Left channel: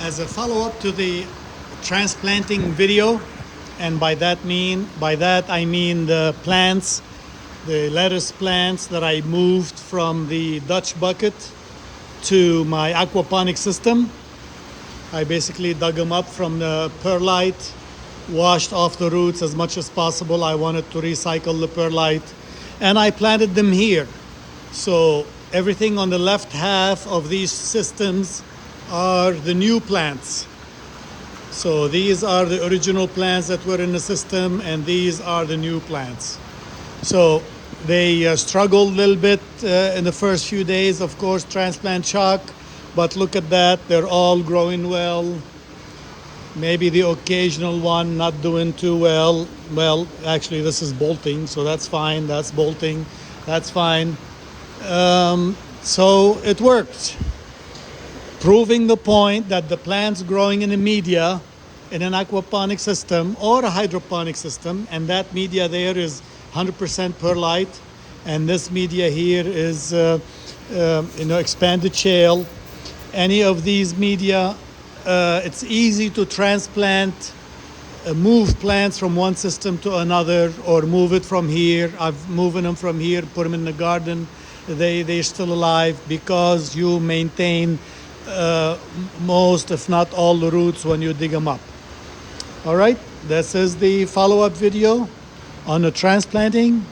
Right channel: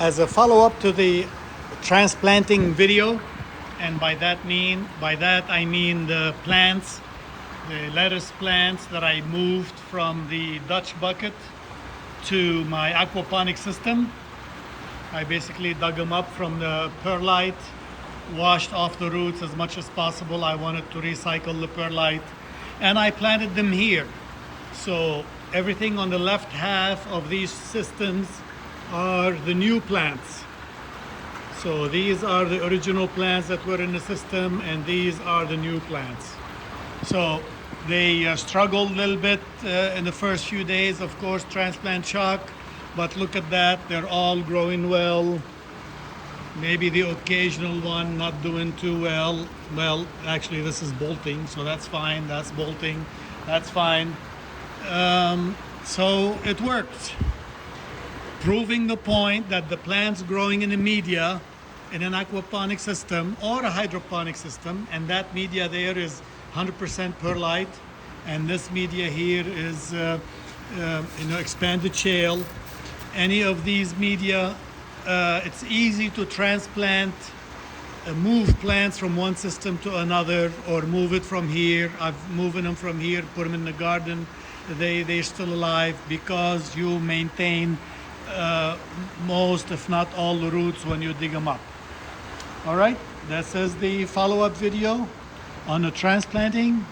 as a follow-up to the transplanting video, and by that I mean the plants, the lettuce plants that I moved from the Dutch bucket to my aquaponic system. I basically dug them up from the perlite, washed off the roots as much as possible. I wanted to recycle the perlite, and I planted them here. So everything on the left half of these systems are the new plants. So these are the original plants that were in the system, and these are the new plants. So they struggled a little bit in the first few days, of course, transplant shock, but look at that, they're all growing well. Maybe the occasional one not doing too well. Well, actually this is bolting, so that's fine. That's bolting, that's fine. So it works, proving the point that the plants growing in the media in an aquaponic system or a hydroponic system, and that media there is 100% perlite, and this media here is expanded shale. Any of these media, it's easy to transplant, move plants from one system to another, or move it from here. I've moved them from here, put them in the garden. They're still alive because you maintain most, if not all, the roots when you dig them up. All right, this is the follow-up video on the transplanting,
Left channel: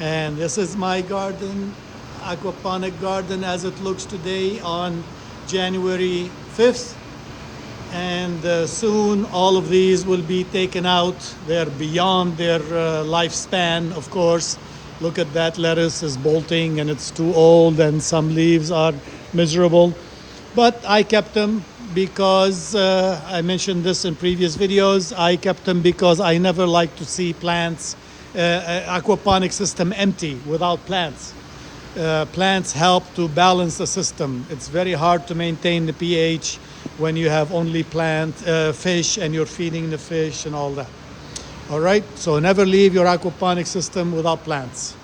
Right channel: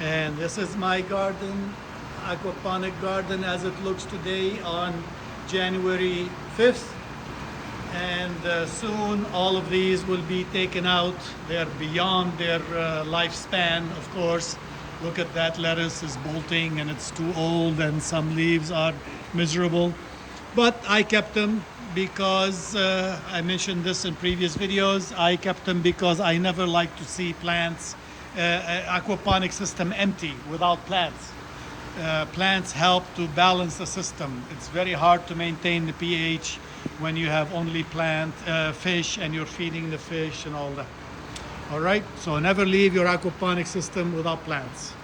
and this is my garden, aquaponic garden as it looks today on January 5th. And soon all of these will be taken out. They're beyond their lifespan, of course. Look at that, lettuce is bolting and it's too old, and some leaves are miserable. But I kept them because I mentioned this in previous videos. I kept them because I never like to see plants, aquaponic system empty without plants. Plants help to balance the system. It's very hard to maintain the pH when you have only fish and you're feeding the fish and all that. All right, so never leave your aquaponic system without plants.